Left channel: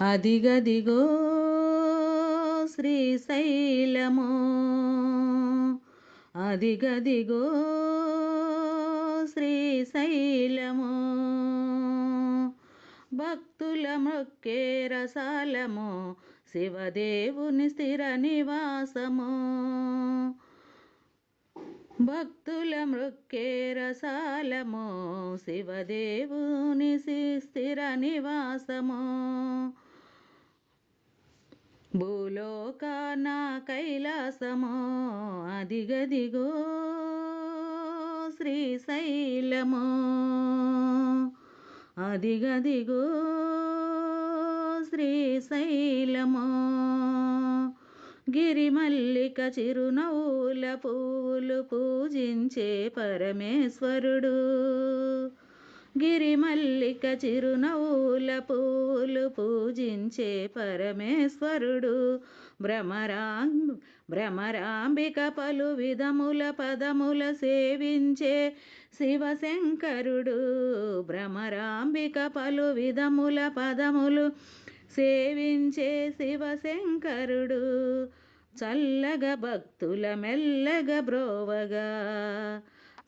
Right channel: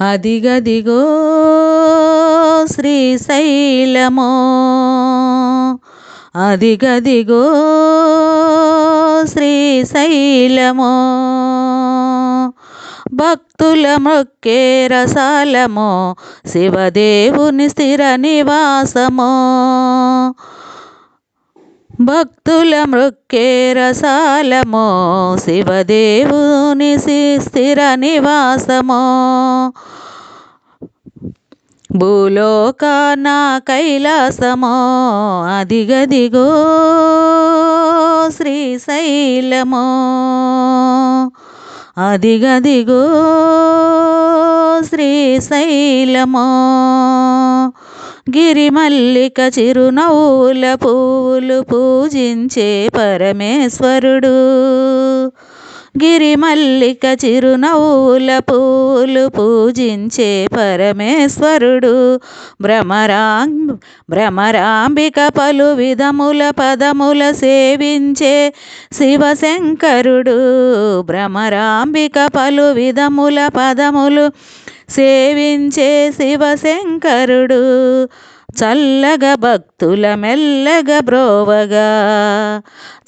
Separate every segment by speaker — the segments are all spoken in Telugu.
Speaker 1: అదిగదిగో శ్రీశైలమో. అదిగదిగో శ్రీశైలమో. భక్తుల మొక్కే రసాలమో శివదేవుని స్థిర నివాసమో. భక్తుల మృక్కే రసాలమో శివదేవుని స్థిర నివాసమో. భూలోక నా కైలాసమో అదిగదిగో శ్రీశైలమో. అదిగదిగో శ్రీశైలమో. గిరిమల్లిక చిరునవ్వుల పువ్వులు పూజించే పరమేశ్వరుడు. గిరిమల్లిక చిరునవ్వుల పూలు పూజించే పరమేశ్వరుడు. భ్రమరాం భ్రమరాంబిక పలు విధముల పదముల సేవించే శివశంకరుడు. భ్రమరాంబిక పలు విధముల పదములు సేవించే శివశంకరుడు. చల్లగ భక్తుల మెల్లగ బ్రోవగా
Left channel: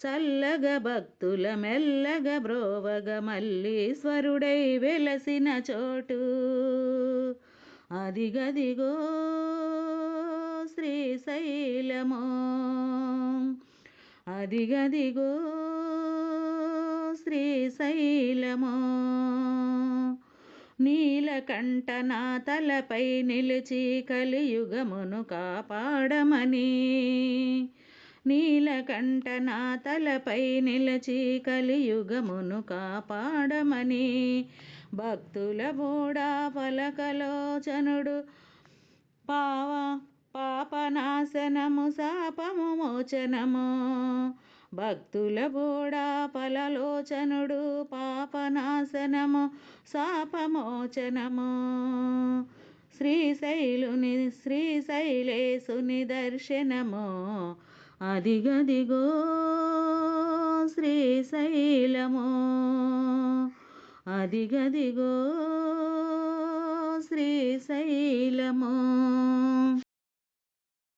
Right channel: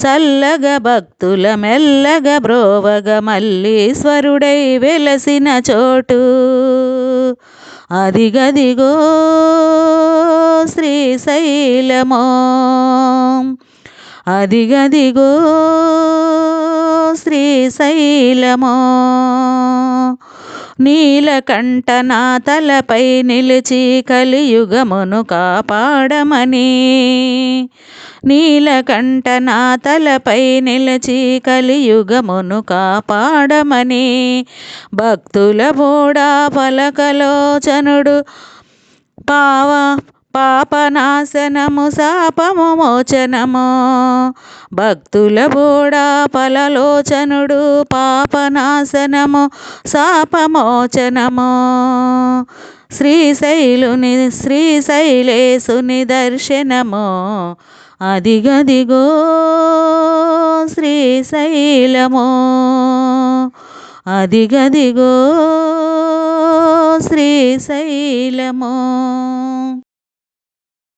Speaker 1: చల్లగ భక్తుల మెల్లగ బ్రోవగ మల్లీశ్వరుడై వెలసిన చోటు. అదిగదిగో శ్రీశైలమో అదిగదిగో శ్రీశైలమో. నీలకంఠనా తలపై నిలిచి కలియుగమును కాపాడమని. నీలకంఠనా తలపై నిలిచి కలియుగమును కాపాడమని. భక్తుల బోడా పలకలోచనుడు పావ పాపనాశనము శాపము మోచనము. భక్తుల బోడా పలలోచనుడు పాపనాశనము శాపమోచనము. శ్రీశైలుని శ్రీశైలేశుని దర్శనము. అదిగదిగో శ్రీశైలము. అదిగదిగో శ్రీశైలమో.